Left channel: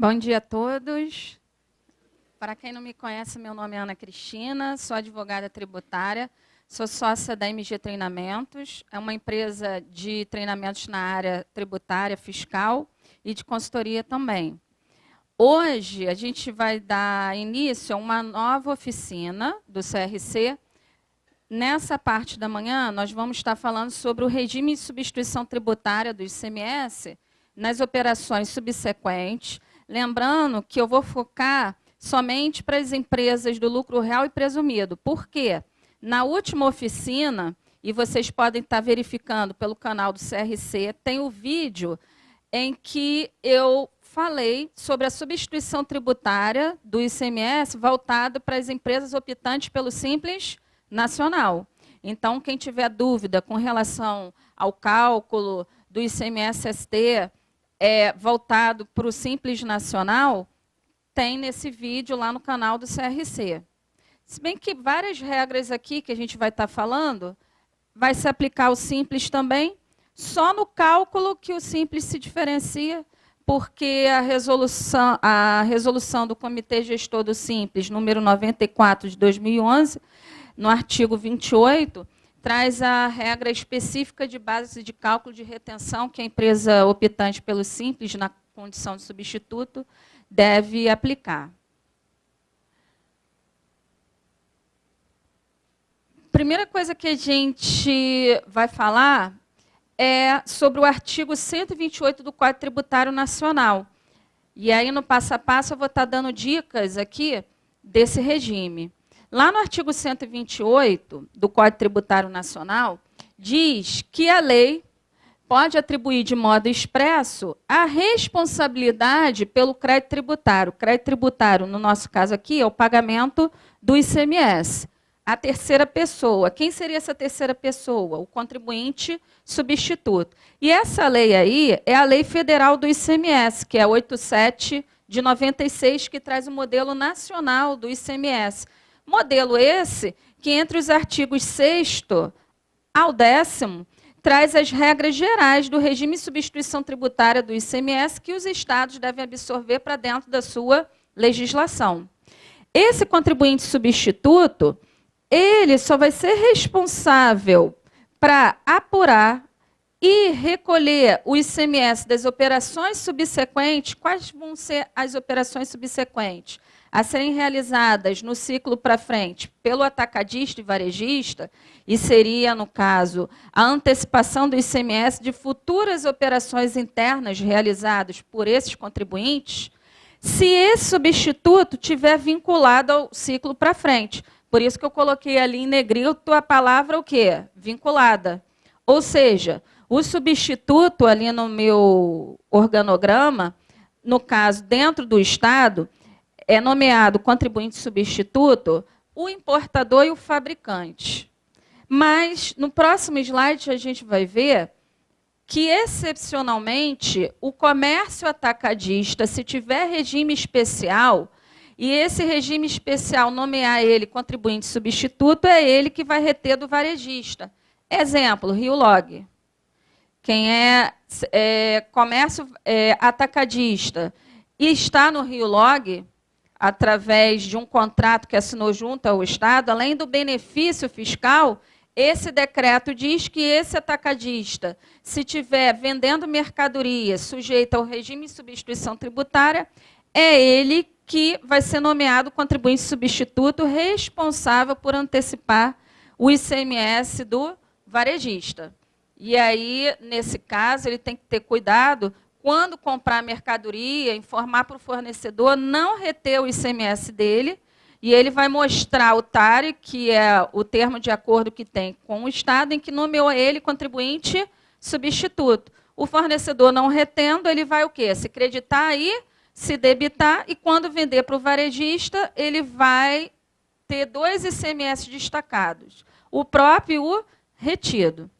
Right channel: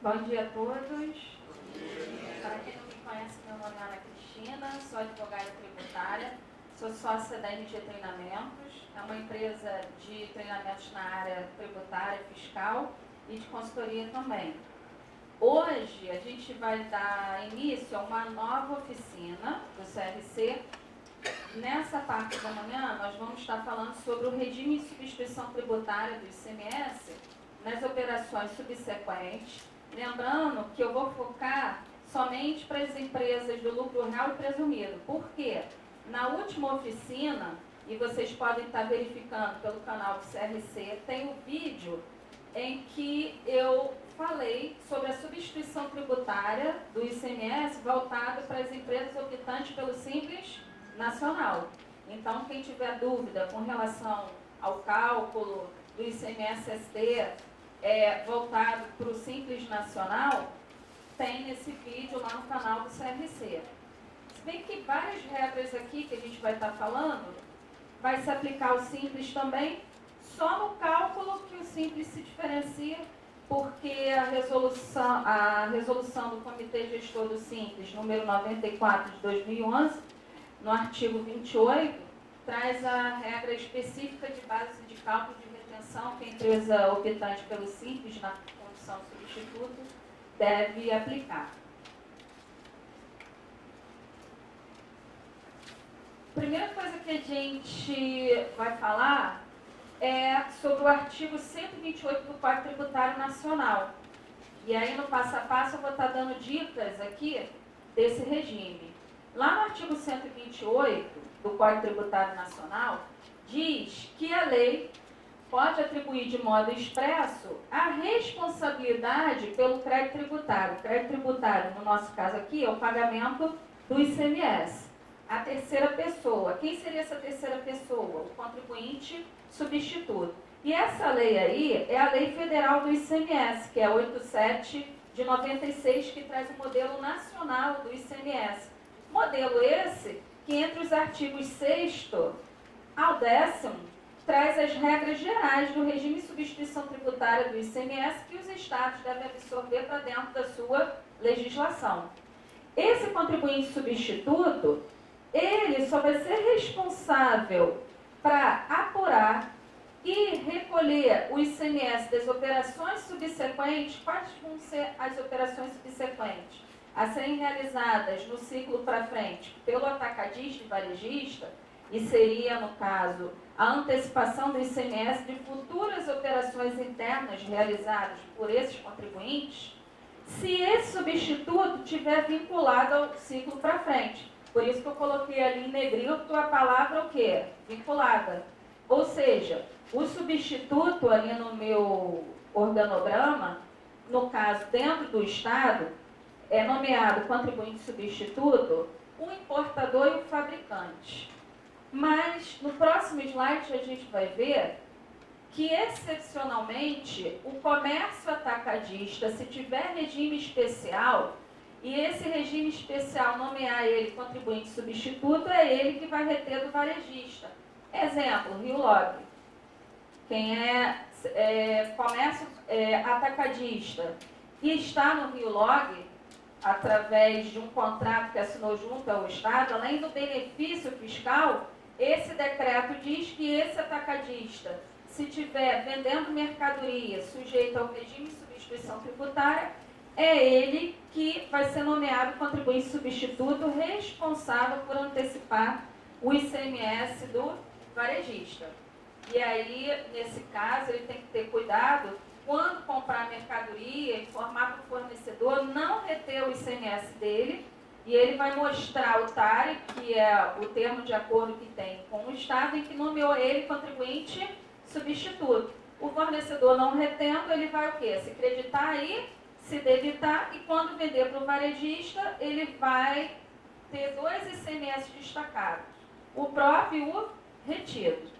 Bom dia a todos. Para quem não me conhece, meu nome é Ana Cristina, sou advogada tributária, sou sócia da MG Treinamentos, é uma empresa de treinamentos na área tributária, fiscal e de consultoria também. Hoje, a gente vai dar início a uma nova oficina do CRC. Nessa parte da manhã, nós vamos estar falando sobre o regime de substituição tributária do ICMS nas operações subsequentes. Lembrando que eu vou focar somente para as empresas do lucro real e presumido. Por quê? Na última oficina, e vocês podem estar verificando pelo canal do CRC, tem o vídeo em que eu falei sobre a substituição tributária do ICMS voltado para as empresas optantes pelo Simples Nacional. Então, quem tiver dúvida com relação ao cálculo do ICMS-ST voltado para o Simples Nacional, tem nesse vídeo lá no canal do CRC. Se bem que várias regras aqui que a gente vai estar falando, vai se aplicar ao Simples também, só no cálculo que o Simples se diferencia, porque a resolução do Comitê Gestor do Simples, número 94 de 2011, no artigo 28, traz a regra específica de base de cálculo de retenção que a empresa optante pelo Simples, na condição de substituto, deve aplicar. Primeira coisa que a gente vai falar é sobre o artigo 128 do Código Tributário Nacional. E aí, no passo a passo, eu vou estar dando dicas aqui desse regime. Lá no artigo 128 do Código Tributário Nacional, diz que a lei pode atribuir de modo expresso a responsabilidade pelo crédito tributário. O crédito tributário, no nosso caso aqui, é o pagamento do ICMS. A terceira pessoa. Quem seria essa terceira pessoa? O contribuinte substituto. E essa lei aí é a Lei Federal do ICMS, que é 87 de 96, que traz o modelo nacional do ICMS. Modelo esse que, entre os artigos 6º ao 10º, traz as regras gerais do regime de substituição tributária do ICMS que os estados devem absorver para dentro da sua legislação. Esse contribuinte substituto, ele só vai ser responsável para apurar e recolher o ICMS das operações subsequentes. Quais vão ser as operações subsequentes a serem realizadas no ciclo para frente pelo atacadista e varejista, e seria, no caso, a antecipação do ICMS de futuras operações internas realizadas por esses contribuintes, se esse substituto tiver vinculado ao ciclo para frente. Por isso que eu coloquei ali em negrito a palavra o quê? Vinculada. Ou seja, o substituto ali no meu organograma, no caso, dentro do Estado, é nomeado contribuinte substituto o importador e o fabricante. Mas, no próximo slide, a gente vai ver que, excepcionalmente, o comércio atacadista, se tiver regime especial, e esse regime especial nomear ele contribuinte substituto, é ele que vai reter do varejista. Exemplo, Rio Log. Quem é comércio atacadista e está no Rio Log, através de um contrato que assinou junto ao Estado, além do benefício fiscal, esse decreto diz que esse atacadista, se estiver vendendo mercadoria sujeita ao regime de substituição tributária, é ele que vai ser nomeado contribuinte substituto responsável por antecipar o ICMS do varejista. E aí, nesse caso, ele tem que ter cuidado, quando comprar mercadoria, informar para o fornecedor, não reter o ICMS dele, e ele vai mostrar o TARE, que é o termo de acordo que tem com o Estado, em que nomeou ele contribuinte substituto. O fornecedor não retendo, ele vai o quê? Se creditar aí, se debitar, e quando vender para o varejista, ele vai ter 2 ICMS destacados, o próprio e o retido.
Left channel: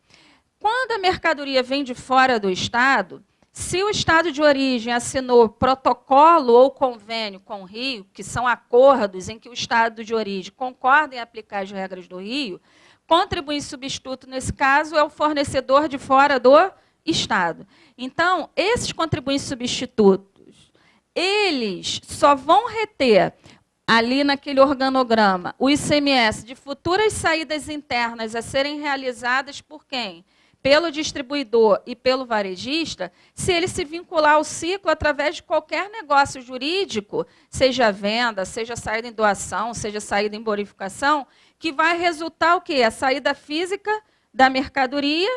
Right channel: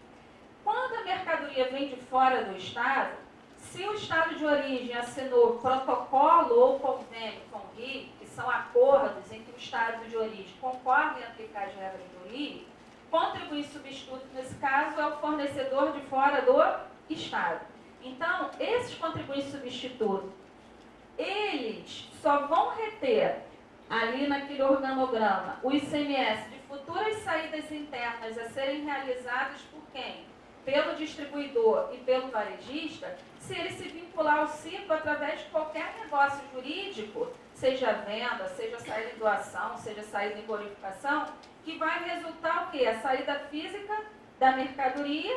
Quando a mercadoria vem de fora do Estado, se o Estado de origem assinou protocolo ou convênio com o Rio, que são acordos em que o Estado de origem concorda em aplicar as regras do Rio, contribuinte substituto, nesse caso, é o fornecedor de fora do Estado. Então, esses contribuintes substitutos, eles só vão reter ali naquele organograma o ICMS de futuras saídas internas a serem realizadas por quem? Pelo distribuidor e pelo varejista, se ele se vincular ao ciclo através de qualquer negócio jurídico, seja venda, seja saída em doação, seja saída em bonificação, que vai resultar o quê? A saída física da mercadoria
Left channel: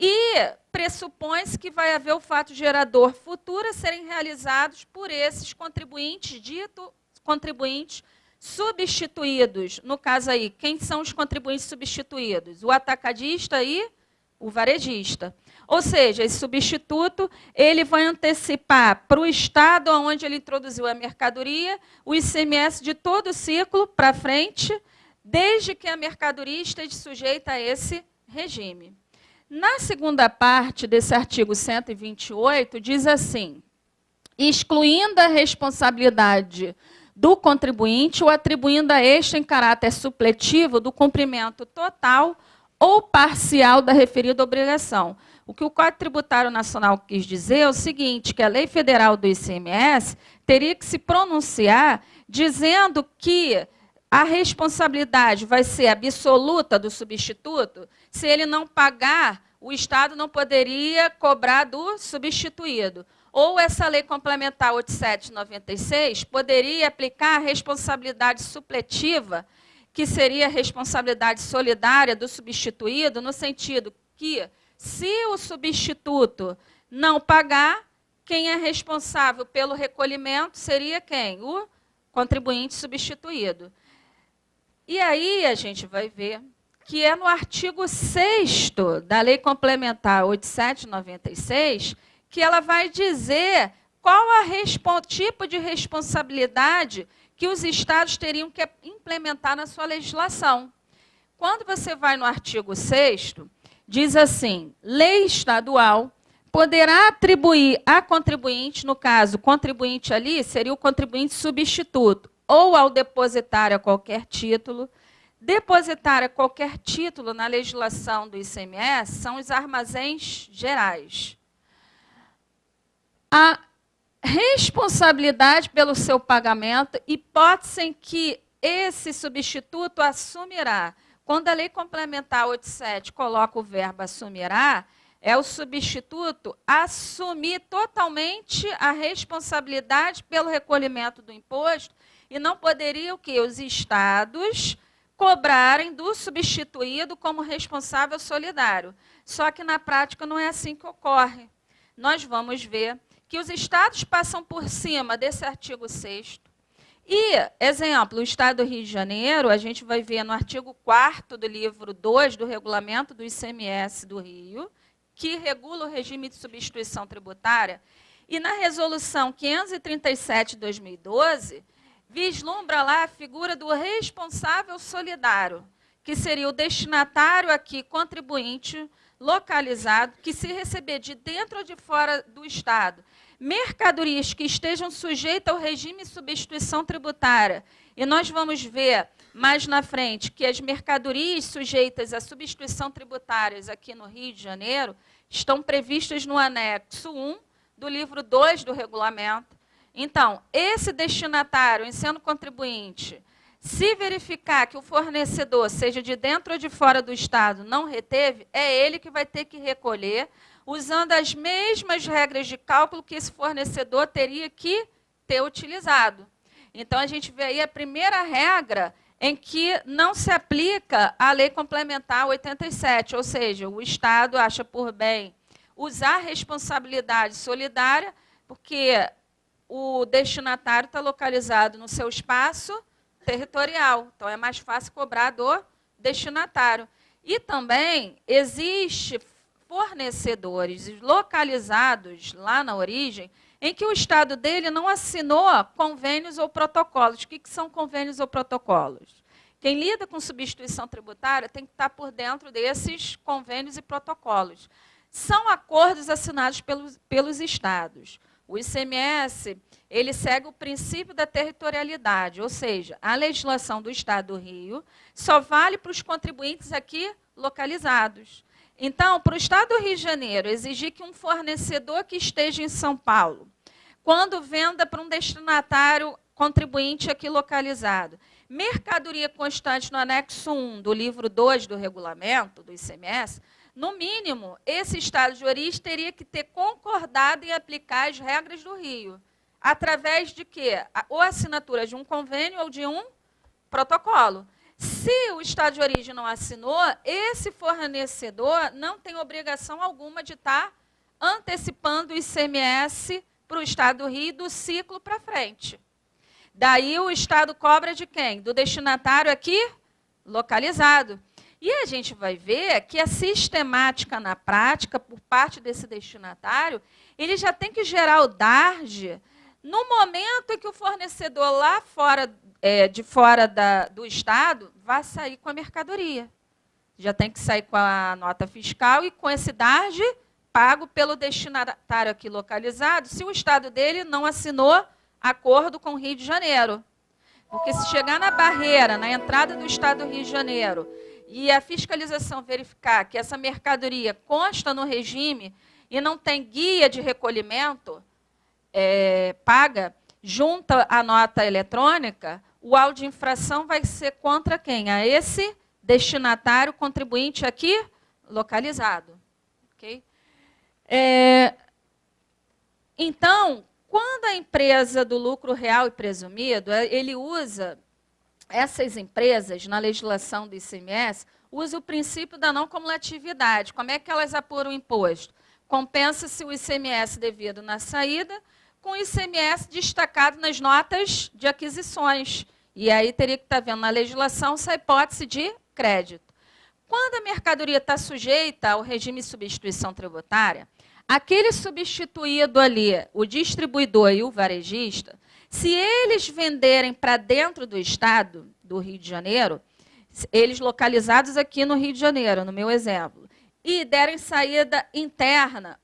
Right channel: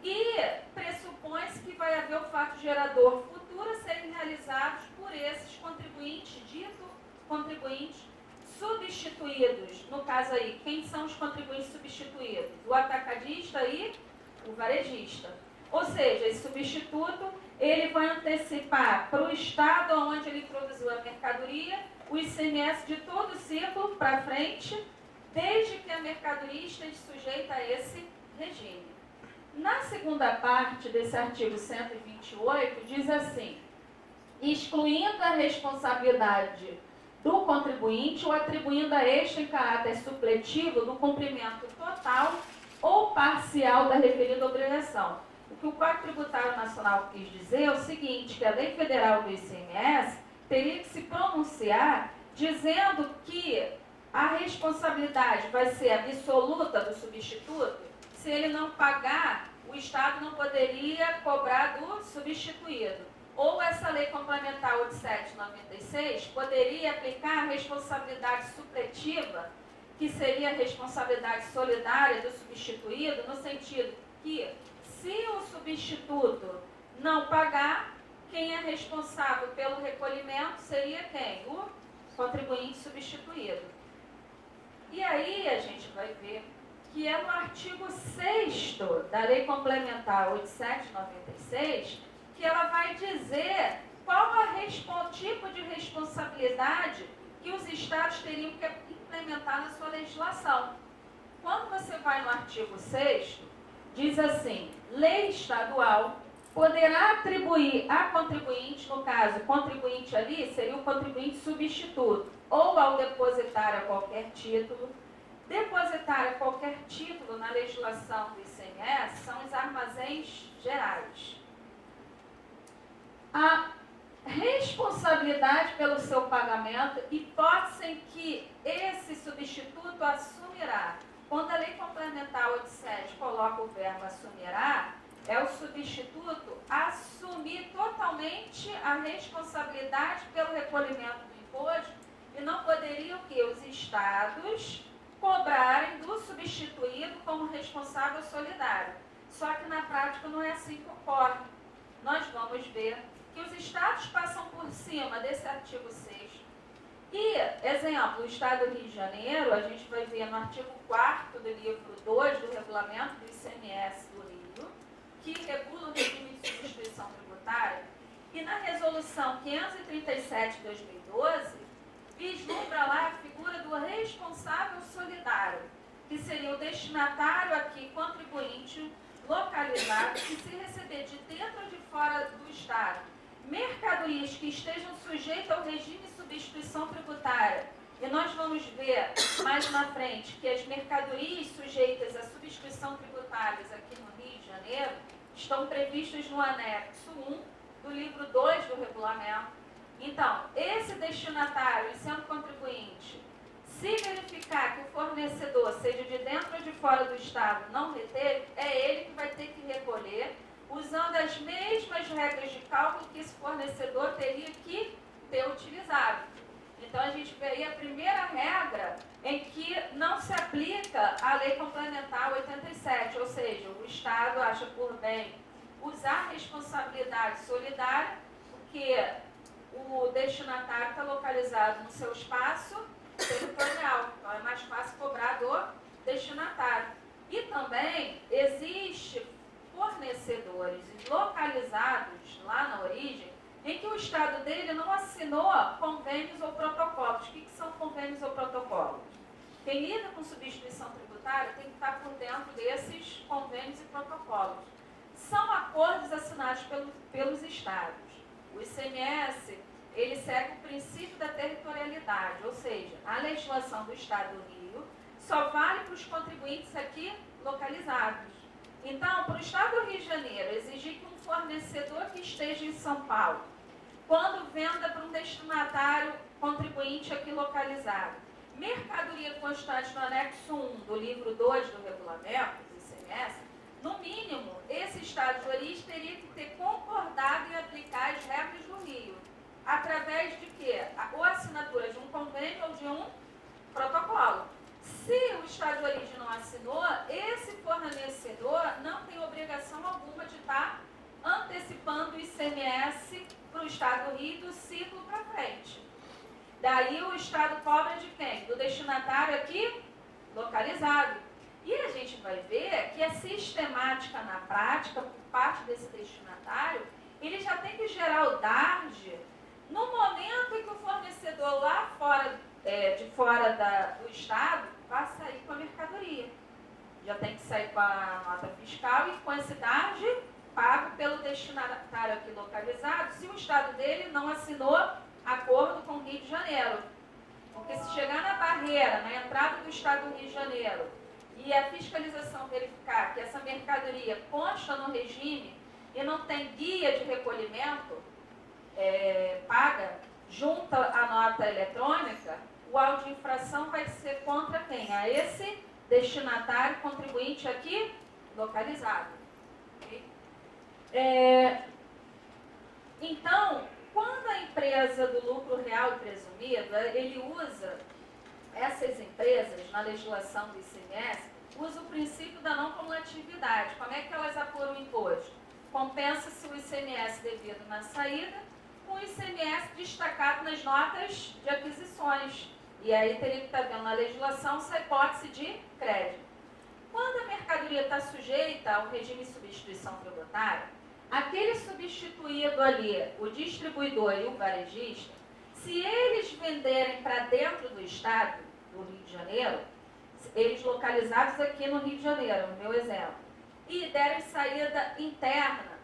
e pressupõe-se que vai haver o fato gerador futuro a serem realizados por esses contribuintes, dito contribuintes substituídos. No caso aí, quem são os contribuintes substituídos? O atacadista e o varejista. Ou seja, esse substituto ele vai antecipar para o estado onde ele introduziu a mercadoria o ICMS de todo o ciclo para frente, desde que a mercadoria esteja sujeita a esse regime. Na segunda parte desse artigo 128, diz assim: excluindo a responsabilidade do contribuinte ou atribuindo a este em caráter supletivo do cumprimento total ou parcial da referida obrigação. O que o Código Tributário Nacional quis dizer é o seguinte, que a Lei Federal do ICMS teria que se pronunciar dizendo que a responsabilidade vai ser absoluta do substituto. Se ele não pagar, o Estado não poderia cobrar do substituído. Ou essa Lei Complementar 87/96 poderia aplicar a responsabilidade supletiva, que seria a responsabilidade solidária do substituído, no sentido que, se o substituto não pagar, quem é responsável pelo recolhimento seria quem? O contribuinte substituído. E aí a gente vai ver que é no artigo 6º da Lei Complementar 87/96 que ela vai dizer qual o tipo de responsabilidade que os estados teriam que implementar na sua legislação. Quando você vai no artigo 6º, diz assim: lei estadual poderá atribuir a contribuinte, no caso, o contribuinte ali seria o contribuinte substituto, ou ao depositário a qualquer título. Depositário a qualquer título na legislação do ICMS são os armazéns gerais. A responsabilidade pelo seu pagamento, hipótese em que esse substituto assumirá. Quando a Lei Complementar 87 coloca o verbo assumirá, é o substituto assumir totalmente a responsabilidade pelo recolhimento do imposto e não poderiam que os estados cobrarem do substituído como responsável solidário. Só que na prática não é assim que ocorre. Nós vamos ver que os estados passam por cima desse artigo 6º. E, exemplo, o Estado do Rio de Janeiro, a gente vai ver no artigo 4º do livro 2 do Regulamento do ICMS do Rio, que regula o regime de substituição tributária, e na Resolução 537 de 2012, vislumbra lá a figura do responsável solidário, que seria o destinatário aqui, contribuinte localizado, que se receber de dentro ou de fora do Estado mercadorias que estejam sujeitas ao regime de substituição tributária. E nós vamos ver mais na frente que as mercadorias sujeitas à substituição tributária aqui no Rio de Janeiro estão previstas no anexo 1 do livro 2 do regulamento. Então, esse destinatário, em sendo contribuinte, se verificar que o fornecedor, seja de dentro ou de fora do Estado, não reteve, é ele que vai ter que recolher, usando as mesmas regras de cálculo que esse fornecedor teria que ter utilizado. Então, a gente vê aí a primeira regra em que não se aplica a Lei Complementar 87, ou seja, o Estado acha por bem usar a responsabilidade solidária, porque o destinatário está localizado no seu espaço territorial, então é mais fácil cobrar do destinatário. E também existe fornecedores localizados lá na origem, em que o Estado dele não assinou convênios ou protocolos. O que são convênios ou protocolos? Quem lida com substituição tributária tem que estar por dentro desses convênios e protocolos. São acordos assinados pelos Estados. O ICMS, ele segue o princípio da territorialidade, ou seja, a legislação do Estado do Rio só vale para os contribuintes aqui localizados. Então, para o Estado do Rio de Janeiro exigir que um fornecedor que esteja em São Paulo, quando venda para um destinatário contribuinte aqui localizado. Mercadoria constante no anexo 1 do livro 2 do regulamento do ICMS, no mínimo, esse estado de origem teria que ter concordado em aplicar as regras do Rio. Através de quê? Ou assinatura de um convênio ou de um protocolo. Se o estado de origem não assinou, esse fornecedor não tem obrigação alguma de estar antecipando o ICMS para o estado do Rio do ciclo para frente. Daí o estado cobra de quem? Do destinatário aqui localizado. E a gente vai ver que a sistemática na prática, por parte desse destinatário, ele já tem que gerar o DARJ no momento em que o fornecedor lá fora, de fora do estado, vai sair com a mercadoria. Já tem que sair com a nota fiscal e com esse DARJ pago pelo destinatário aqui localizado, se o estado dele não assinou acordo com o Rio de Janeiro. Porque se chegar na barreira, na entrada do estado do Rio de Janeiro, e a fiscalização verificar que essa mercadoria consta no regime e não tem guia de recolhimento paga, junta a nota eletrônica, o auto de infração vai ser contra quem? A esse destinatário contribuinte aqui localizado. Okay? Então, quando a empresa do lucro real e presumido, ele usa, essas empresas, na legislação do ICMS, usa o princípio da não cumulatividade. Como é que elas apuram o imposto? Compensa-se o ICMS devido na saída com o ICMS destacado nas notas de aquisições. E aí teria que estar vendo na legislação essa hipótese de crédito. Quando a mercadoria está sujeita ao regime de substituição tributária, aquele substituído ali, o distribuidor e o varejista, se eles venderem para dentro do estado do Rio de Janeiro, eles localizados aqui no Rio de Janeiro, no meu exemplo, e derem saída interna,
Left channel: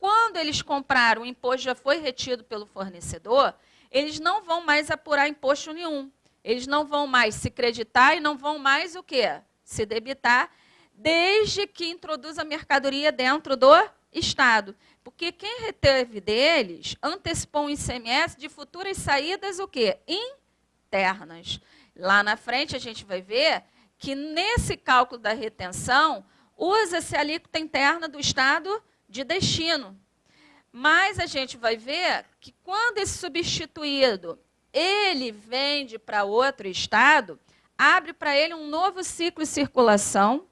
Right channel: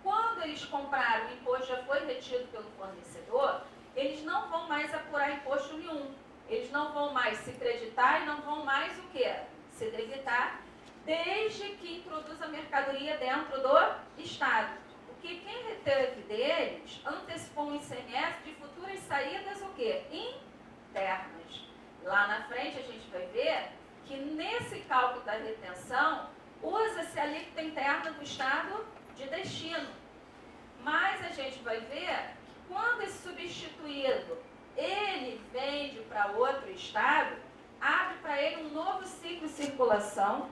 quando eles compraram, o imposto já foi retido pelo fornecedor, eles não vão mais apurar imposto nenhum. Eles não vão mais se creditar e não vão mais o quê? Se debitar, desde que introduz a mercadoria dentro do estado. Porque quem reteve deles antecipou um ICMS de futuras saídas o quê? Internas. Lá na frente a gente vai ver que nesse cálculo da retenção usa-se a alíquota interna do estado de destino. Mas a gente vai ver que quando esse substituído ele vende para outro estado, abre para ele um novo ciclo de circulação,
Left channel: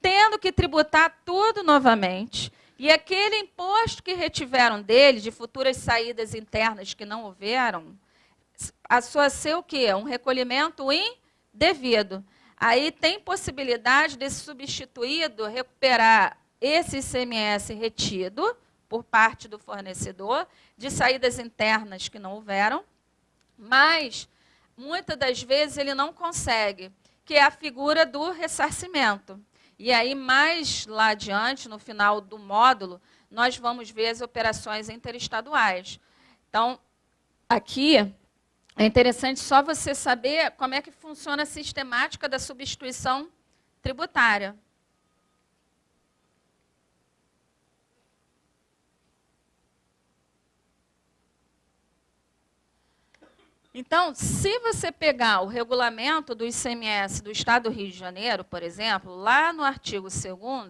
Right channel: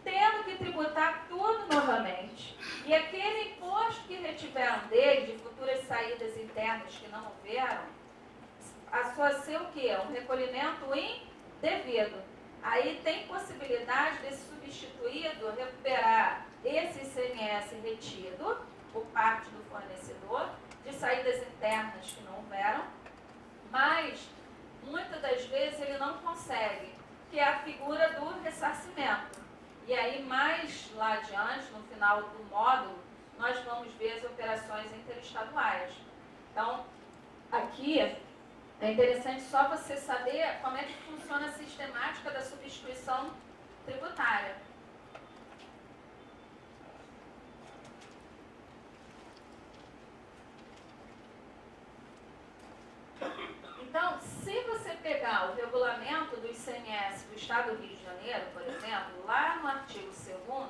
tendo que tributar tudo novamente. E aquele imposto que retiveram dele, de futuras saídas internas que não houveram, passou a ser o quê? Um recolhimento indevido. Aí tem possibilidade desse substituído recuperar esse ICMS retido por parte do fornecedor, de saídas internas que não houveram, mas muitas das vezes ele não consegue, que é a figura do ressarcimento. E aí, mais lá adiante, no final do módulo, nós vamos ver as operações interestaduais. Então, aqui é interessante só você saber como é que funciona a sistemática da substituição tributária. Então, se você pegar o regulamento do ICMS do Estado do Rio de Janeiro, por exemplo, lá no artigo 2º,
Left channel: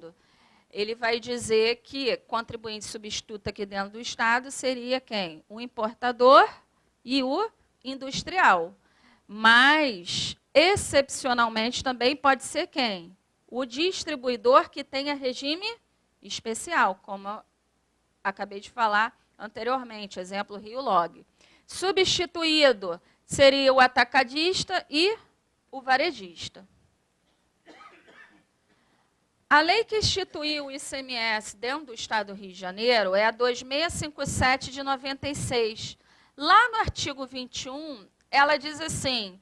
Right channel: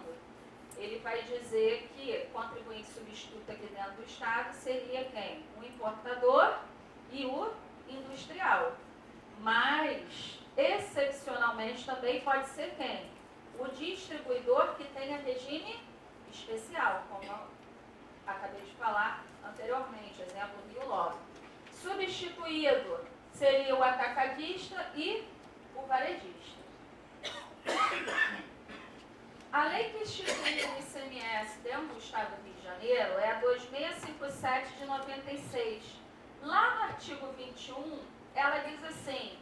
ele vai dizer que contribuinte substituto aqui dentro do Estado seria quem? O importador e o industrial. Mas, excepcionalmente, também pode ser quem? O distribuidor que tenha regime especial, como eu acabei de falar anteriormente, exemplo Rio Log. Substituído seria o atacadista e o varejista. A lei que instituiu o ICMS dentro do Estado do Rio de Janeiro é a 2657 de 96. Lá no artigo 21, ela diz assim:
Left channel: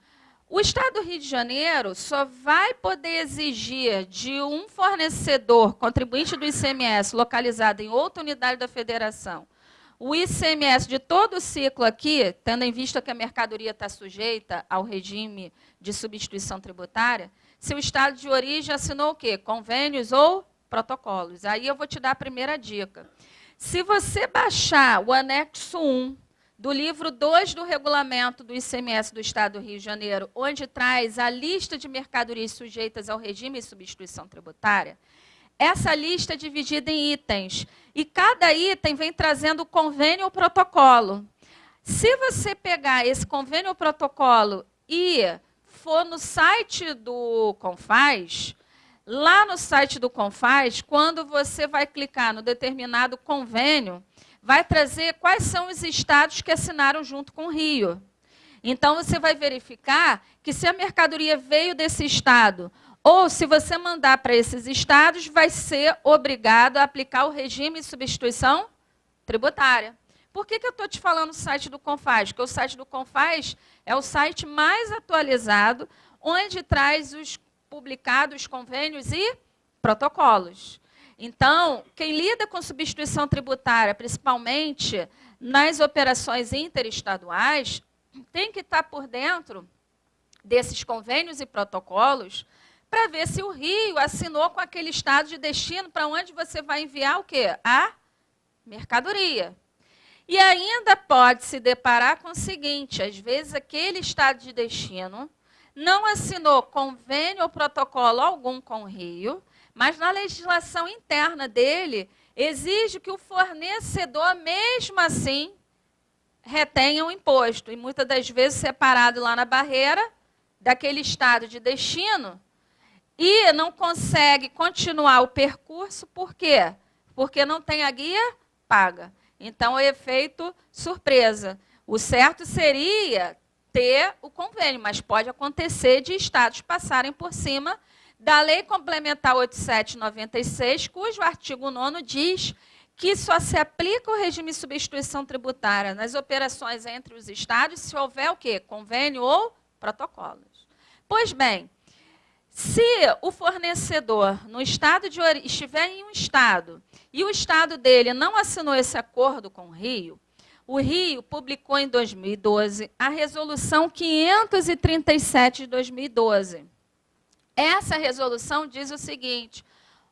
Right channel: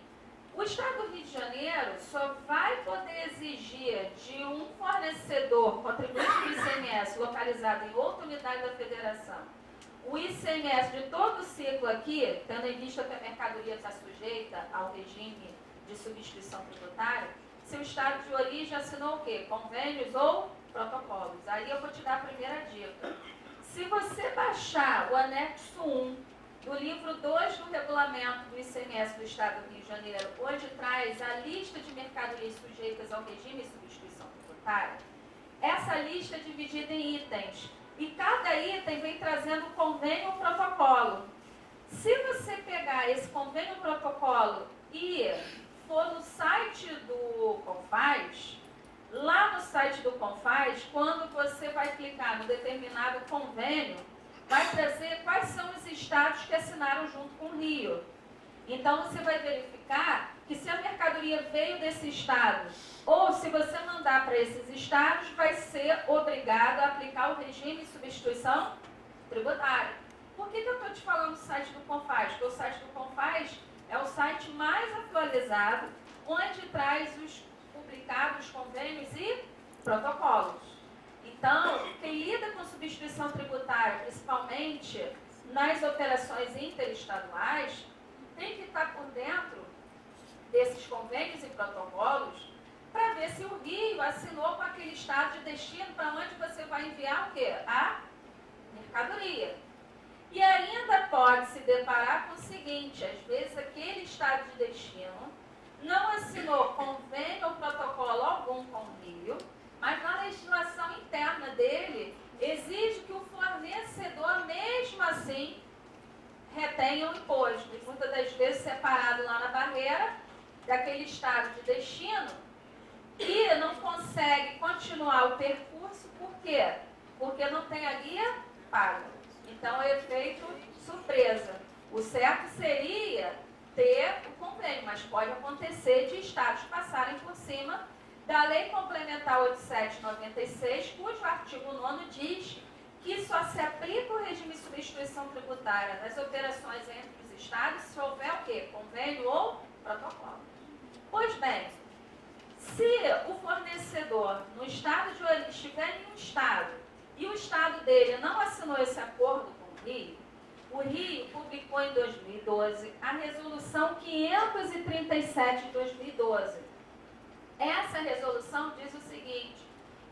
o Estado do Rio de Janeiro só vai poder exigir de um fornecedor contribuinte do ICMS localizado em outra unidade da federação o ICMS de todo o ciclo aqui, tendo em vista que a mercadoria está sujeita ao regime de substituição tributária, se o estado de origem assinou o quê? Convênios ou protocolos. Aí eu vou te dar a primeira dica. Se você baixar o anexo 1 do livro 2 do regulamento do ICMS do Estado do Rio de Janeiro, onde traz a lista de mercadorias sujeitas ao regime de substituição tributária, essa lista é dividida em itens. E cada item vem trazendo convênio ou protocolo. Se você pegar esse convênio ou protocolo e for no site do Confaz, lá no site do Confaz, quando você vai clicar no determinado convênio, vai trazer quais são os estados que assinaram junto com o Rio. Então, você vai verificar que se a mercadoria veio desse estado, ou se você mandar para esses estados, vai ser obrigado a aplicar o regime de substituição tributária. Por que eu estou te falando do site do Confaz? Porque o site do Confaz é o site mais atualizado, onde traz os publicados convênios e protocolos. Então, quem lida com substituição tributária, principalmente nas operações interestaduais, tem que estar por dentro desses convênios e protocolos para ver se o Rio assinou com aquele estado de destino para onde você vai enviar o quê? A mercadoria. E ainda pode se deparar com o seguinte, às vezes aquele estado de destino não assinou convênio ou protocolo algum com o Rio, mas na legislação interna dele exige que o fornecedor, mesmo assim, retenha o imposto. E muitas das vezes separado lá na barreira daquele estado de destino e não consegue continuar o percurso. Por quê? Porque não tem a guia paga. Então, é efeito surpresa. O certo seria ter o convênio, mas pode acontecer de estados passarem por cima da Lei Complementar 8796, cujo artigo 9º diz que só se aplica o regime de substituição tributária nas operações entre os estados se houver o quê? Convênio ou protocolos. Pois bem, se o fornecedor no estado de origem estiver em um estado e o estado dele não assinou esse acordo com o Rio publicou em 2012 a resolução 537 de 2012. Essa resolução diz o seguinte,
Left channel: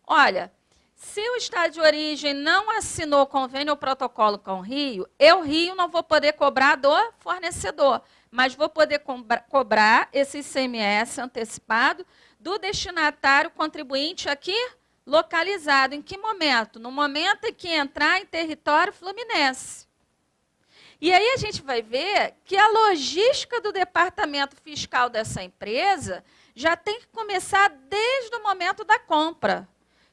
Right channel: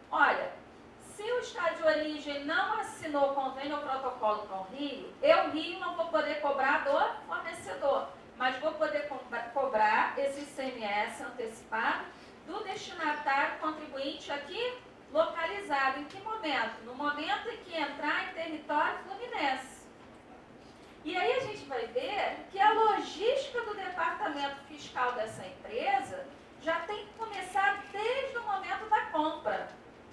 olha, se o estado de origem não assinou convênio ou protocolo com o Rio, eu, Rio, não vou poder cobrar do fornecedor, mas vou poder cobrar esse ICMS antecipado do destinatário contribuinte aqui localizado. Em que momento? No momento em que entrar em território fluminense. E aí a gente vai ver que a logística do departamento fiscal dessa empresa já tem que começar desde o momento da compra.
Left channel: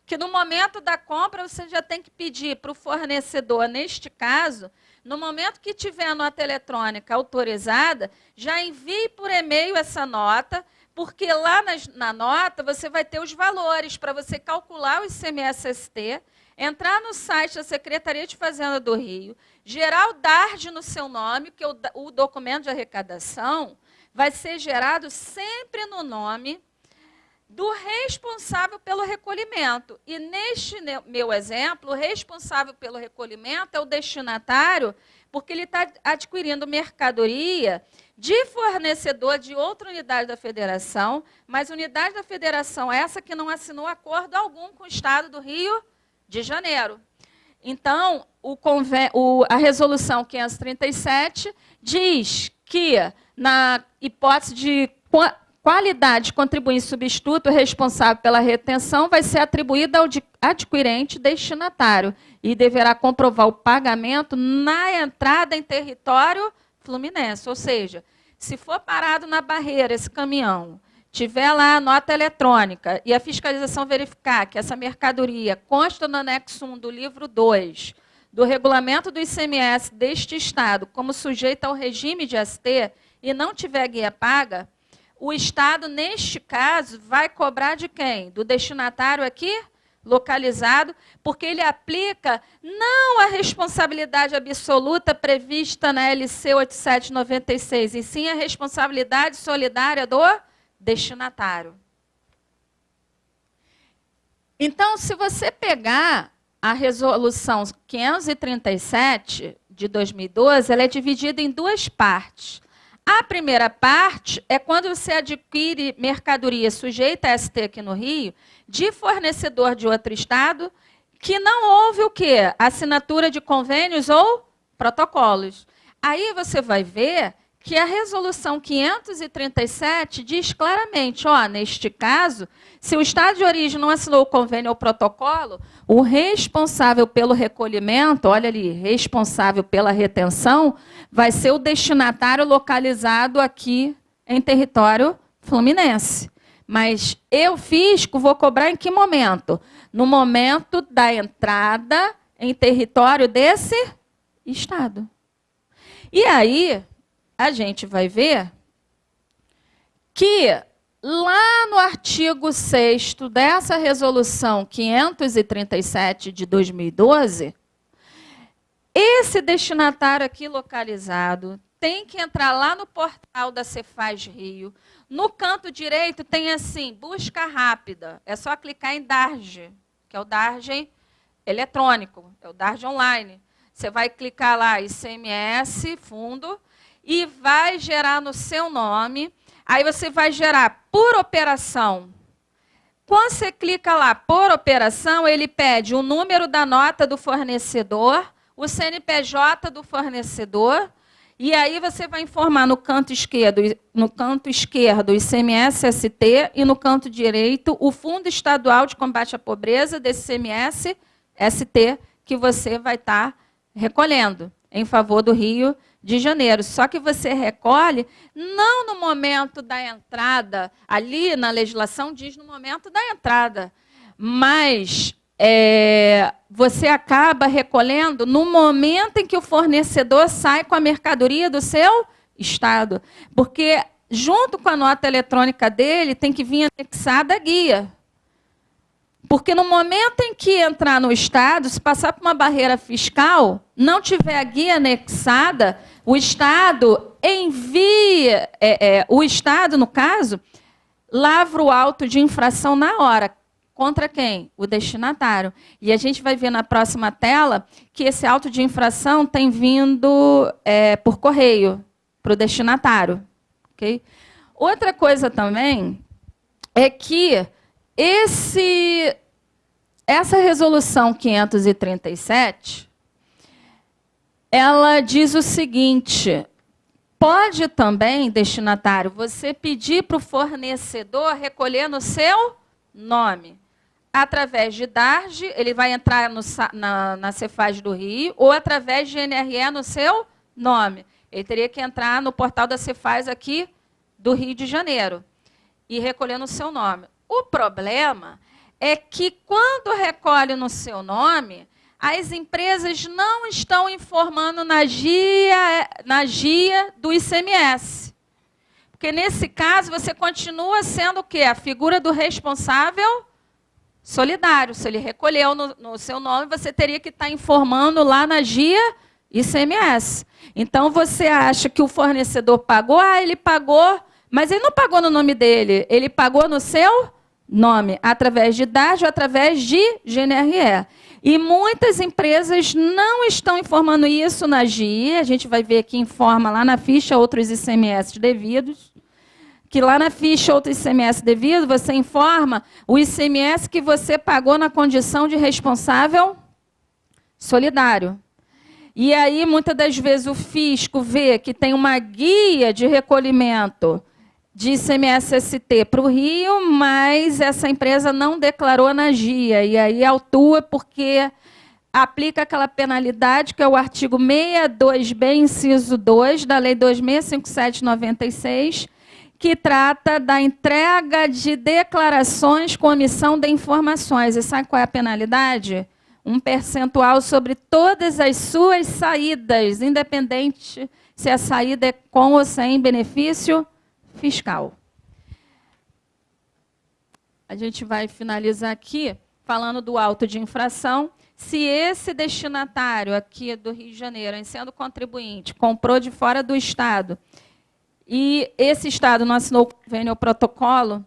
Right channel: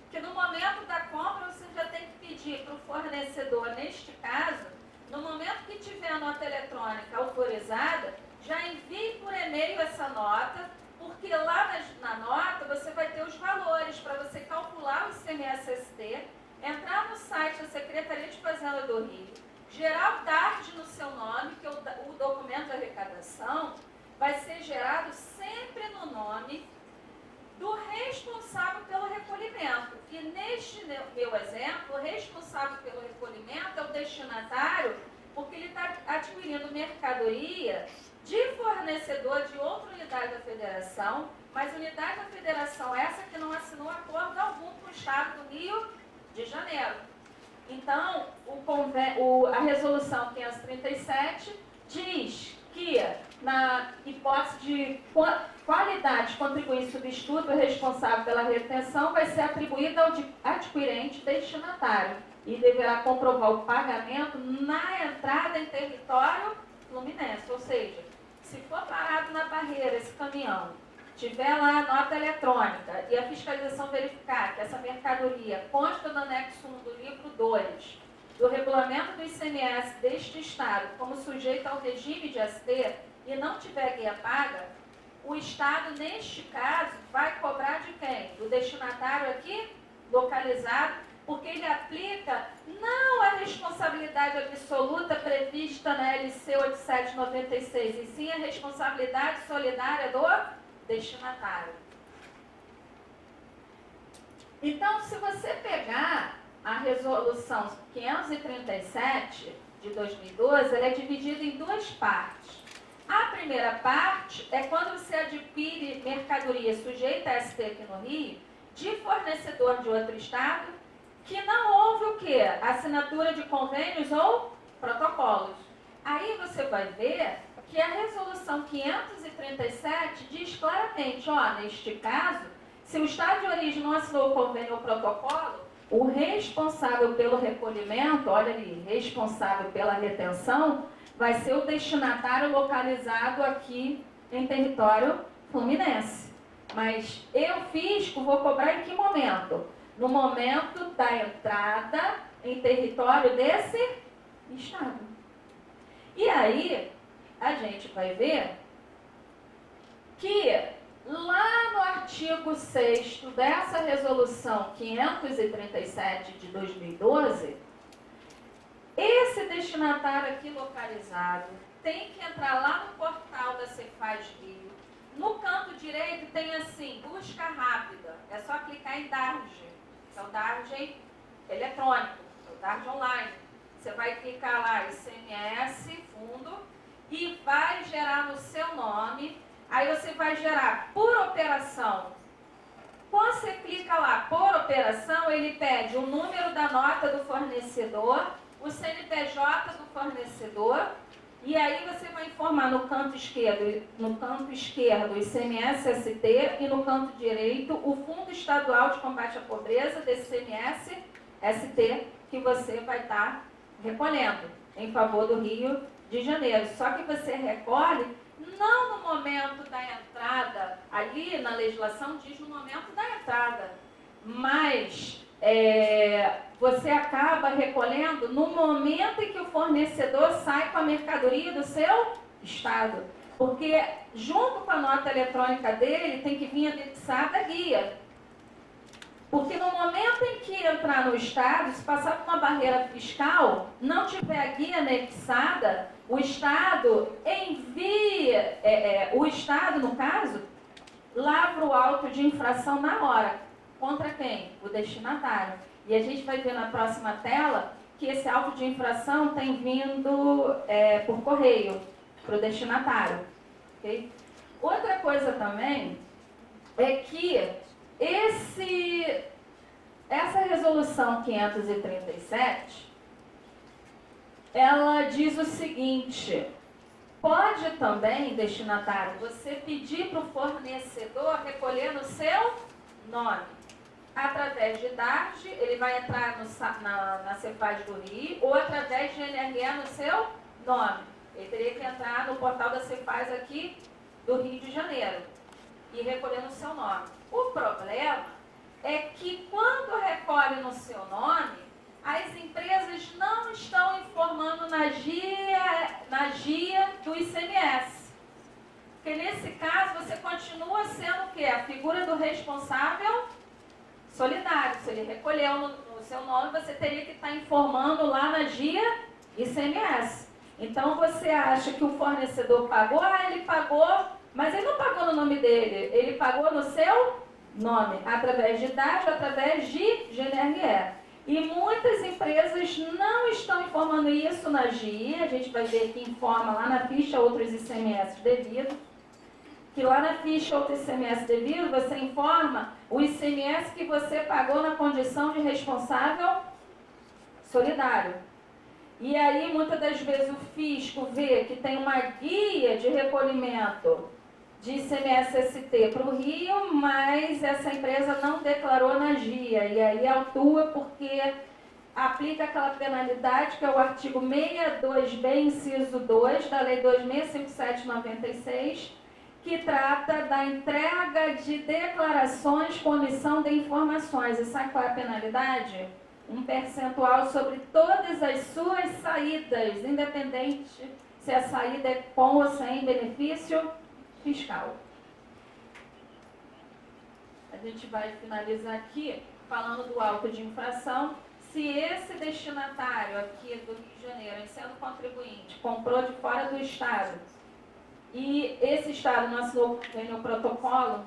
Que no momento da compra você já tem que pedir para o fornecedor, neste caso, no momento que tiver a nota eletrônica autorizada, já envie por e-mail essa nota, porque lá na nota você vai ter os valores para você calcular o ICMS-ST, entrar no site da Secretaria de Fazenda do Rio, gerar o DARD no seu nome, porque o documento de arrecadação vai ser gerado sempre no nome do responsável pelo recolhimento. E neste meu exemplo, o responsável pelo recolhimento é o destinatário, porque ele está adquirindo mercadoria de fornecedor de outra unidade da federação, mas unidade da federação essa que não assinou acordo algum com o Estado do Rio de Janeiro. Então, a resolução 537 diz que, na hipótese de qualidade de contribuinte substituto responsável pela retenção, vai ser atribuída ao adquirente destinatário e deverá comprovar o pagamento na entrada em território fluminense. Ou seja, se for parado na barreira esse caminhão, tiver lá a nota eletrônica e a fiscalização verificar que essa mercadoria consta no anexo 1 do livro 2 do regulamento do ICMS deste Estado como sujeita ao regime de ST e não tiver guia paga, o Estado, neste caso, vai cobrar de quem? Do destinatário aqui, localizado, porque ele aplica não a responsabilidade absoluta prevista na LC 8796, e sim a responsabilidade solidária do destinatário. Então, se você pegar a resolução 537 de 2012, ela é dividida em duas partes. A primeira parte é quando você adquire mercadoria sujeita a ST aqui no Rio, de fornecedor de outro estado, que não houve o quê? Assinatura de convênios ou protocolos. Aí você vai ver que a resolução 537 diz claramente, ó, neste caso, se o Estado de origem não assinou o convênio ou protocolo, o responsável pelo recolhimento, olha ali, responsável pela retenção, vai ser o destinatário localizado aqui em território fluminense. Mas eu, fisco, vou cobrar em que momento? No momento da entrada em território desse Estado. E aí, a gente vai ver que lá no artigo 6º dessa resolução 537 de 2012, esse destinatário aqui localizado tem que entrar lá no portal da Cefaz Rio. No canto direito tem assim, busca rápida. É só clicar em DARJ, que é o DARJ eletrônico, é o DARJ online. Você vai clicar lá, ICMS, fundo, e vai gerar no seu nome. Aí você vai gerar por operação. Quando você clica lá, por operação, ele pede o número da nota do fornecedor, o CNPJ do fornecedor, e aí você vai informar no canto esquerdo ICMS-ST e no canto direito o Fundo Estadual de Combate à Pobreza desse ICMS-ST que você vai estar recolhendo em favor do Rio de Janeiro. Só que você recolhe não no momento da entrada, ali na legislação diz no momento da entrada, mas você acaba recolhendo no momento em que o fornecedor sai com a mercadoria do seu estado. Porque junto com a nota eletrônica dele tem que vir anexada a guia. Porque no momento em que entrar no Estado, se passar por uma barreira fiscal, não tiver a guia anexada, o Estado envia, o Estado, no caso, lavra o auto de infração na hora. Contra quem? O destinatário. E a gente vai ver na próxima tela que esse auto de infração tem vindo por correio para o destinatário. Okay? Outra coisa também é que essa resolução 537, ela diz o seguinte: pode também, destinatário, você pedir para o fornecedor recolher no seu nome. Através de DARJ, ele vai entrar na Cefaz do Rio, ou através de NRE no seu nome. Ele teria que entrar no portal da Cefaz aqui do Rio de Janeiro e recolher no seu nome. O problema é que, quando recolhe no seu nome, as empresas não estão informando na GIA do ICMS. Porque, nesse caso, você continua sendo o quê? A figura do responsável solidário. Se ele recolheu no seu nome, você teria que estar informando lá na GIA ICMS. Então, você acha que o fornecedor pagou? Ah, ele pagou, mas ele não pagou no nome dele. Ele pagou no seu nome, através de DARJ ou através de GNRE. E muitas empresas não estão informando isso na GIA. A gente vai ver que informa lá na ficha outros ICMS devidos. Que lá na ficha outro ICMS devido, você informa o ICMS que você pagou na condição de responsável solidário. E aí, muitas das vezes, o fisco vê que tem uma guia de recolhimento de ICMS-ST para o Rio, mas essa empresa não declarou na GIA. E aí autua porque aplica aquela penalidade, que é o artigo 62B, inciso 2, da Lei 2657/96, que trata da entrega de declarações com omissão de informações. E sabe qual é a penalidade? Um percentual sobre todas as suas saídas, independente se a saída é com ou sem benefício fiscal. A gente vai finalizar aqui falando do auto de infração. Se esse destinatário aqui do Rio de Janeiro, em sendo contribuinte, comprou de fora do Estado, e esse Estado não assinou o convênio ou protocolo,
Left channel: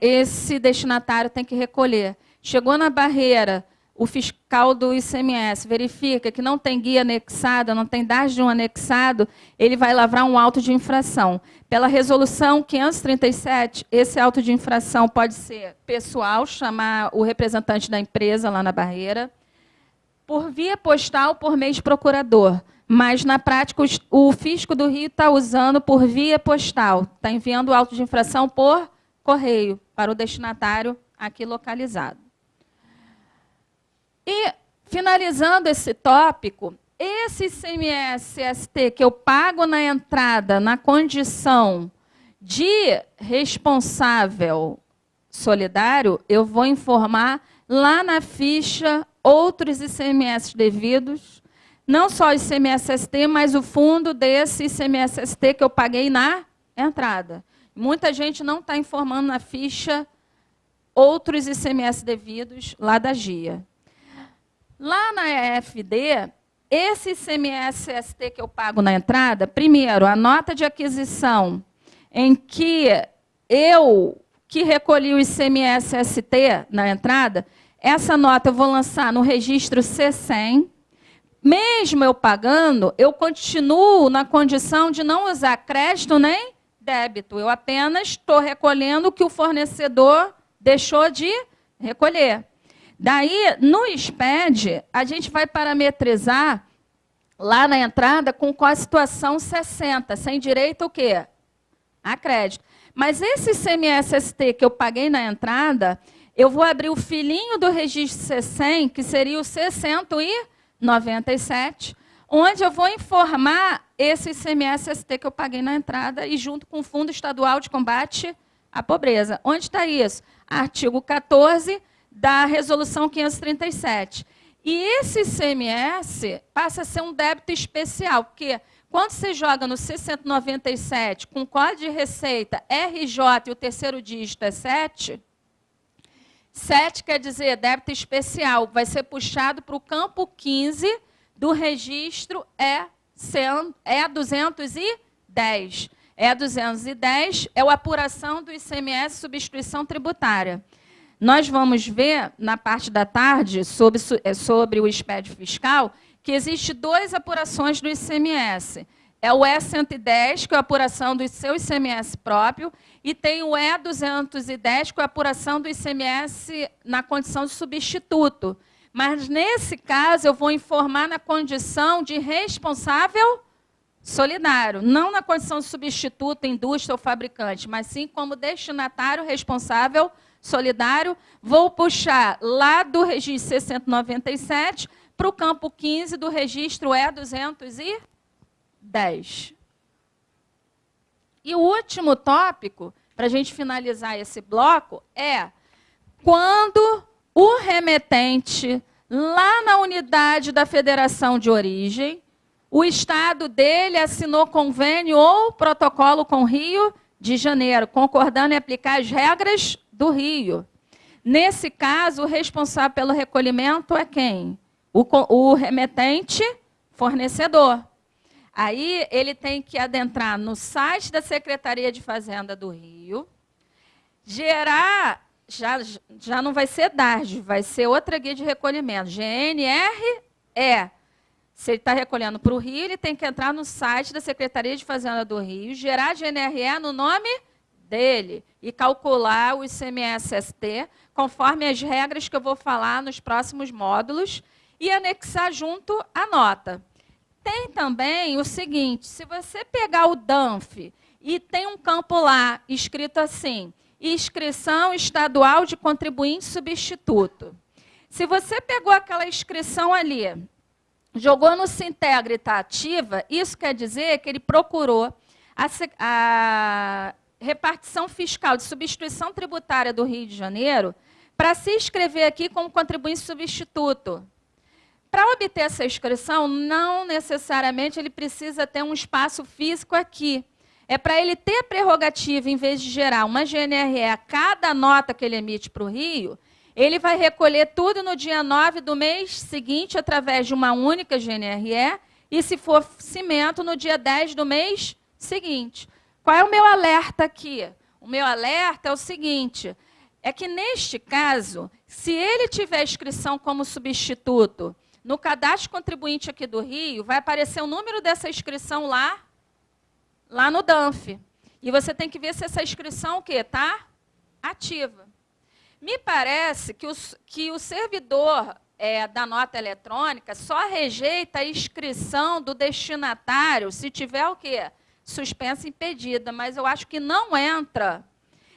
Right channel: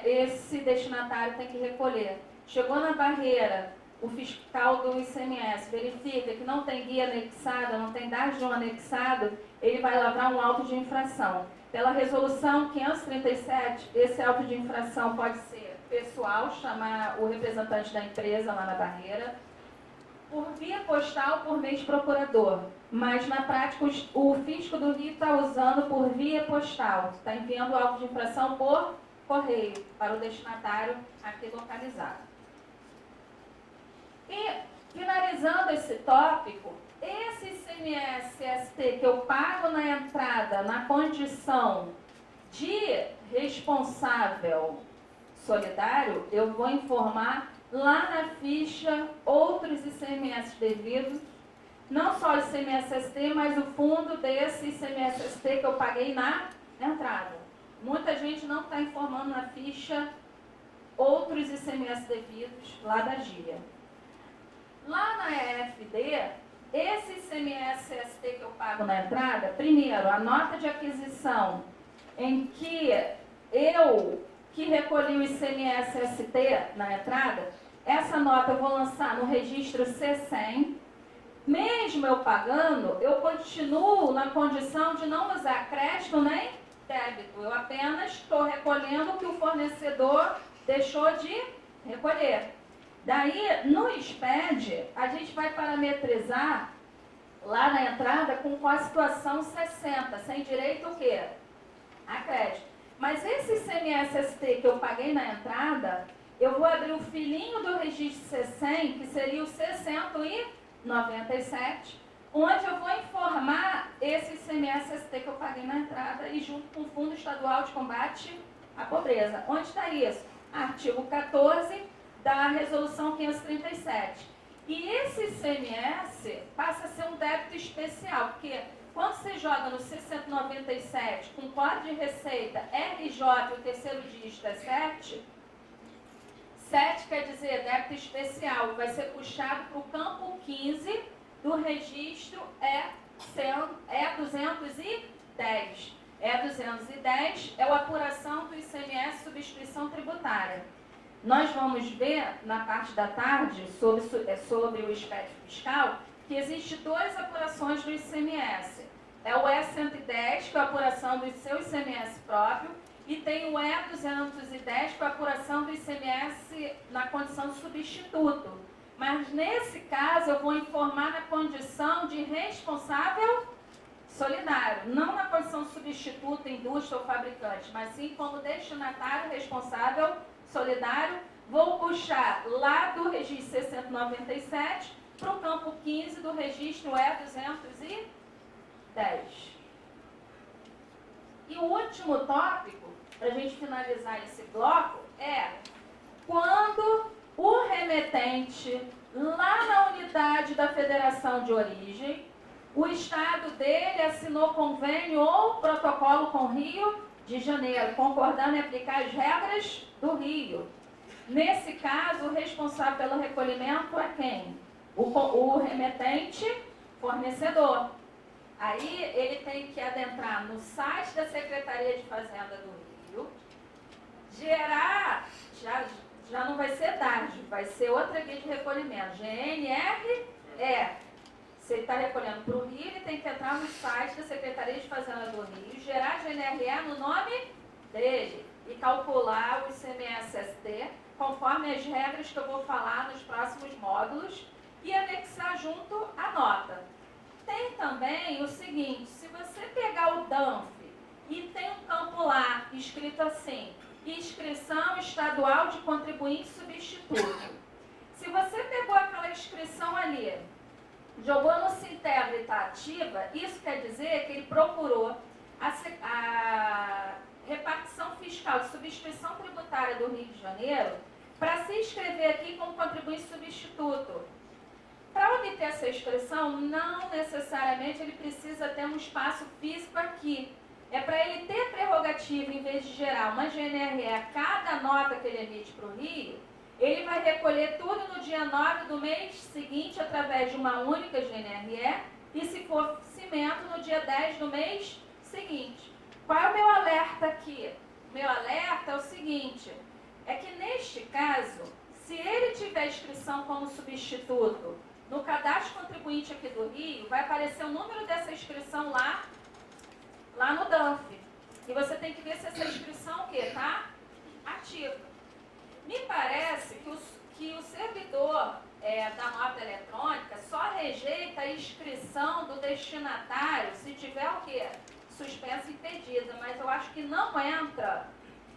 esse destinatário tem que recolher. Chegou na barreira, o fiscal do ICMS verifica que não tem guia anexada, não tem DARJ anexado, ele vai lavrar um auto de infração. Pela resolução 537, esse auto de infração pode ser pessoal, chamar o representante da empresa lá na barreira, por via postal, por meio de procurador. mas, na prática, o fisco do Rio está usando por via postal, está enviando o auto de infração por correio para o destinatário aqui localizado. E, finalizando esse tópico, esse ICMS-ST que eu pago na entrada na condição de responsável solidário, eu vou informar lá na ficha outros ICMS devidos, não só o ICMS-ST, mas o fundo desse ICMS-ST que eu paguei na entrada. Muita gente não está informando na ficha outros ICMS devidos lá da GIA. Lá na EFD, esse ICMS-ST que eu pago na entrada, primeiro, a nota de aquisição em que eu que recolhi o ICMS-ST na entrada, essa nota eu vou lançar no registro C100. Mesmo eu pagando, eu continuo na condição de não usar crédito nem débito. Eu apenas estou recolhendo o que o fornecedor deixou de recolher. Daí, no SPED, a gente vai parametrizar lá na entrada com qual a situação 60, sem direito o quê? A crédito. Mas esse ICMS-ST que eu paguei na entrada, eu vou abrir o filhinho do registro C100, que seria o C197, onde eu vou informar esse ICMS-ST que eu paguei na entrada e junto com o Fundo Estadual de Combate à Pobreza. Onde está isso? Artigo 14 da Resolução 537. E esse ICMS passa a ser um débito especial, porque quando você joga no C197 com código de receita RJ e o terceiro dígito é 7, 7 quer dizer débito especial, vai ser puxado para o campo 15 do registro E210. E210 é a apuração do ICMS substituição tributária. Nós vamos ver, na parte da tarde, sobre o SPED fiscal, que existe 2 apurações do ICMS. É o E110, que é a apuração do seu ICMS próprio, e tem o E210, que é a apuração do ICMS na condição de substituto. Mas, nesse caso, eu vou informar na condição de responsável solidário, não na condição de substituto, indústria ou fabricante, mas sim como destinatário responsável solidário. Vou puxar lá do registro C197 para o campo 15 do registro E210. E o último tópico, para a gente finalizar esse bloco, é quando o remetente, lá na unidade da federação de origem, o estado dele assinou convênio ou protocolo com o Rio de Janeiro, concordando em aplicar as regras do Rio. Nesse caso, o responsável pelo recolhimento é quem? O remetente fornecedor. Aí ele tem que adentrar no site da Secretaria de Fazenda do Rio, gerar, já não vai ser DARJ, vai ser outra guia de recolhimento, GNRE. Se ele está recolhendo para o Rio, ele tem que entrar no site da Secretaria de Fazenda do Rio, gerar GNRE no nome dele e calcular o ICMS-ST, conforme as regras que eu vou falar nos próximos módulos, e anexar junto a nota. Tem também o seguinte, se você pegar o DANF e tem um campo lá escrito assim, inscrição estadual de contribuinte substituto. Se você pegou aquela inscrição ali, jogou no Sintegra e está ativa, isso quer dizer que ele procurou a repartição fiscal de substituição tributária do Rio de Janeiro para se inscrever aqui como contribuinte substituto. Para obter essa inscrição, não necessariamente ele precisa ter um espaço físico aqui. É para ele ter a prerrogativa, em vez de gerar uma GNRE a cada nota que ele emite para o Rio, ele vai recolher tudo no dia 9 do mês seguinte, através de uma única GNRE, e, se for cimento, no dia 10 do mês seguinte. Qual é o meu alerta aqui? O meu alerta é o seguinte, é que, neste caso, se ele tiver inscrição como substituto, no cadastro contribuinte aqui do Rio, vai aparecer o número dessa inscrição lá no DANF. E você tem que ver se essa inscrição está ativa. Me parece que o servidor da nota eletrônica, só rejeita a inscrição do destinatário se tiver o quê? Suspensa e impedida. Mas eu acho que não entra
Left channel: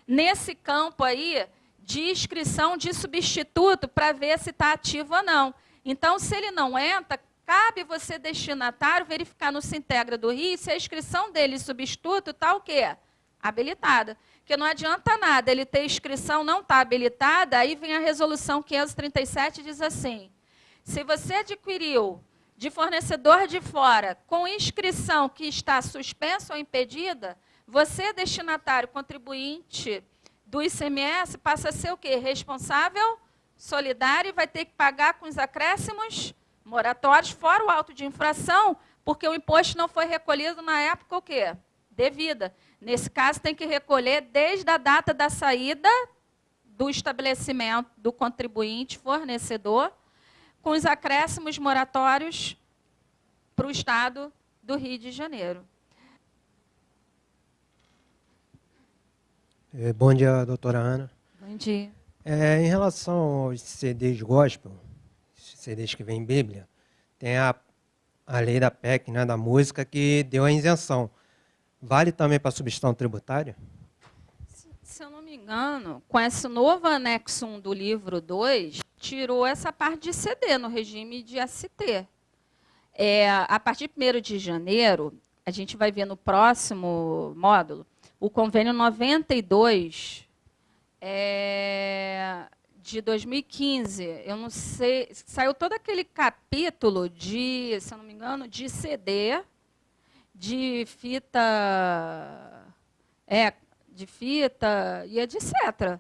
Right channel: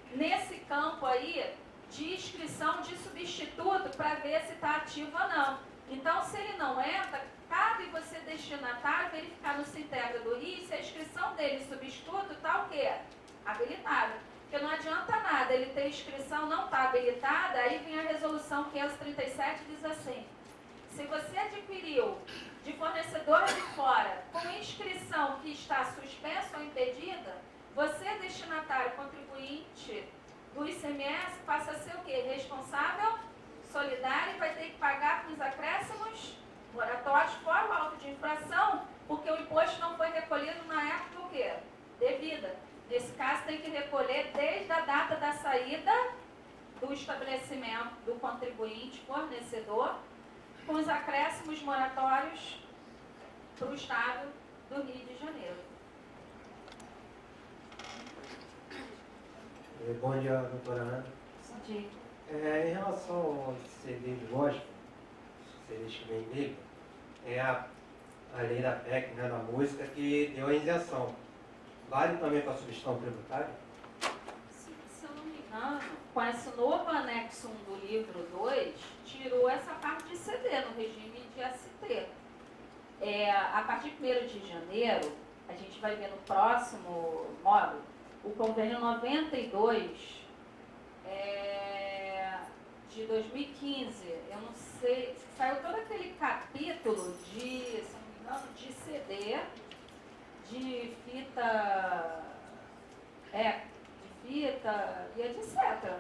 nesse campo aí de inscrição de substituto para ver se está ativo ou não. Então, se ele não entra, cabe você, destinatário, verificar no Sintegra do Rio se a inscrição dele substituto está o quê? Habilitada. Porque não adianta nada ele ter inscrição, não está habilitada, aí vem a resolução 537 e diz assim: se você adquiriu de fornecedor de fora com inscrição que está suspensa ou impedida, você, destinatário contribuinte do ICMS, passa a ser o quê? Responsável, solidário, e vai ter que pagar com os acréscimos moratórios, fora o auto de infração, porque o imposto não foi recolhido na época o quê? Devida. Nesse caso, tem que recolher desde a data da saída do estabelecimento do contribuinte fornecedor, com os acréscimos moratórios para o Estado do Rio de Janeiro. Bom dia, doutora Ana. Bom dia. Em relação aos CDs gospel, CDs que vêm em Bíblia, tem a lei da PEC, né, da música, que deu a isenção. Vale também para a substituição tributária? Se eu não me engano, com esse novo anexo 1 do livro 2, tirou essa parte de CD no regime de ST. A partir de 1º de janeiro, a gente vai ver no próximo módulo, o convênio 92 de 2015. Eu não sei, saiu todo aquele capítulo de, se eu não me engano, de CD, de fita, e etc.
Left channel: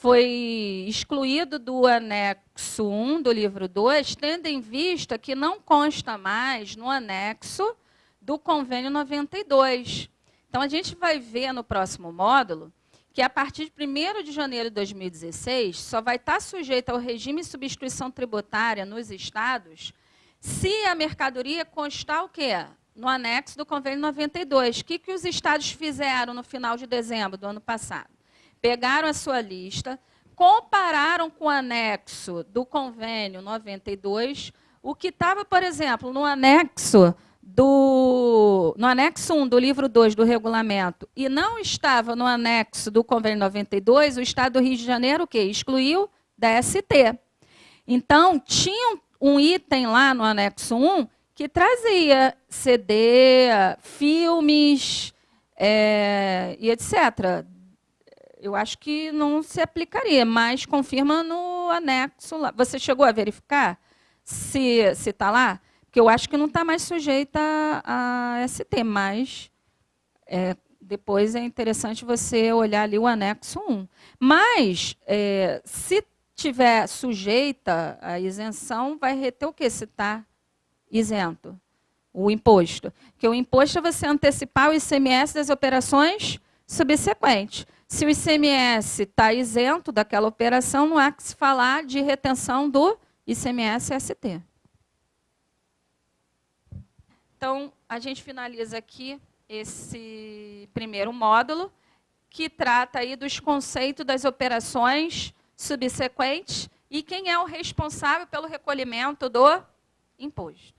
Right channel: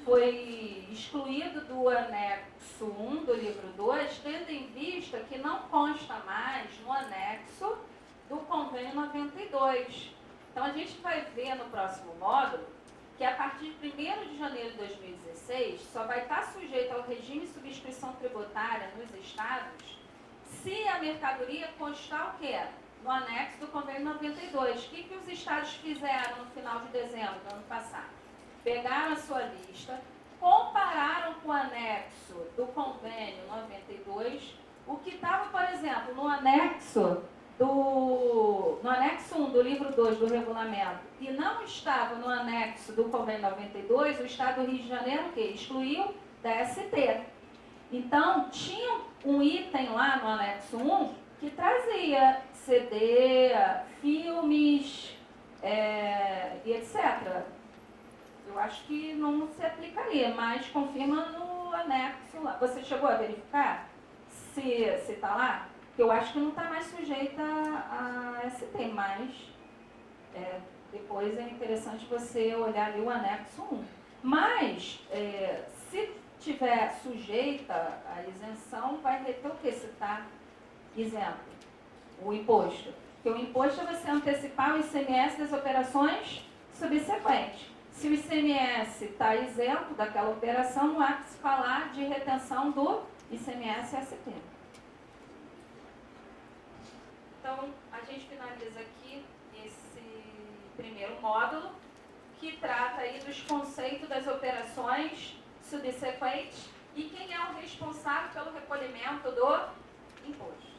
Foi excluído do anexo 1 do livro 2, tendo em vista que não consta mais no anexo do convênio 92. Então, a gente vai ver no próximo módulo que, a partir de 1º de janeiro de 2016, só vai estar sujeito ao regime de substituição tributária nos estados se a mercadoria constar o quê? No anexo do convênio 92. O que os estados fizeram no final de dezembro do ano passado? Pegaram a sua lista, compararam com o anexo do convênio 92, o que estava, por exemplo, no anexo 1 do livro 2 do regulamento e não estava no anexo do convênio 92, o Estado do Rio de Janeiro o quê? Excluiu da ST. Então, tinha um item lá no anexo 1 que trazia CD, filmes e etc. Eu acho que não se aplicaria, mas confirma no anexo lá. Você chegou a verificar se está lá? Porque eu acho que não está mais sujeita a ST, mas depois é interessante você olhar ali o anexo 1. Mas, se tiver sujeita à isenção, vai reter o quê? Se está isento, o imposto. Porque o imposto é você antecipar o ICMS das operações subsequentes. Se o ICMS está isento daquela operação, não há que se falar de retenção do ICMS-ST. Então, a gente finaliza aqui esse primeiro módulo, que trata aí dos conceitos das operações subsequentes e quem é o responsável pelo recolhimento do imposto.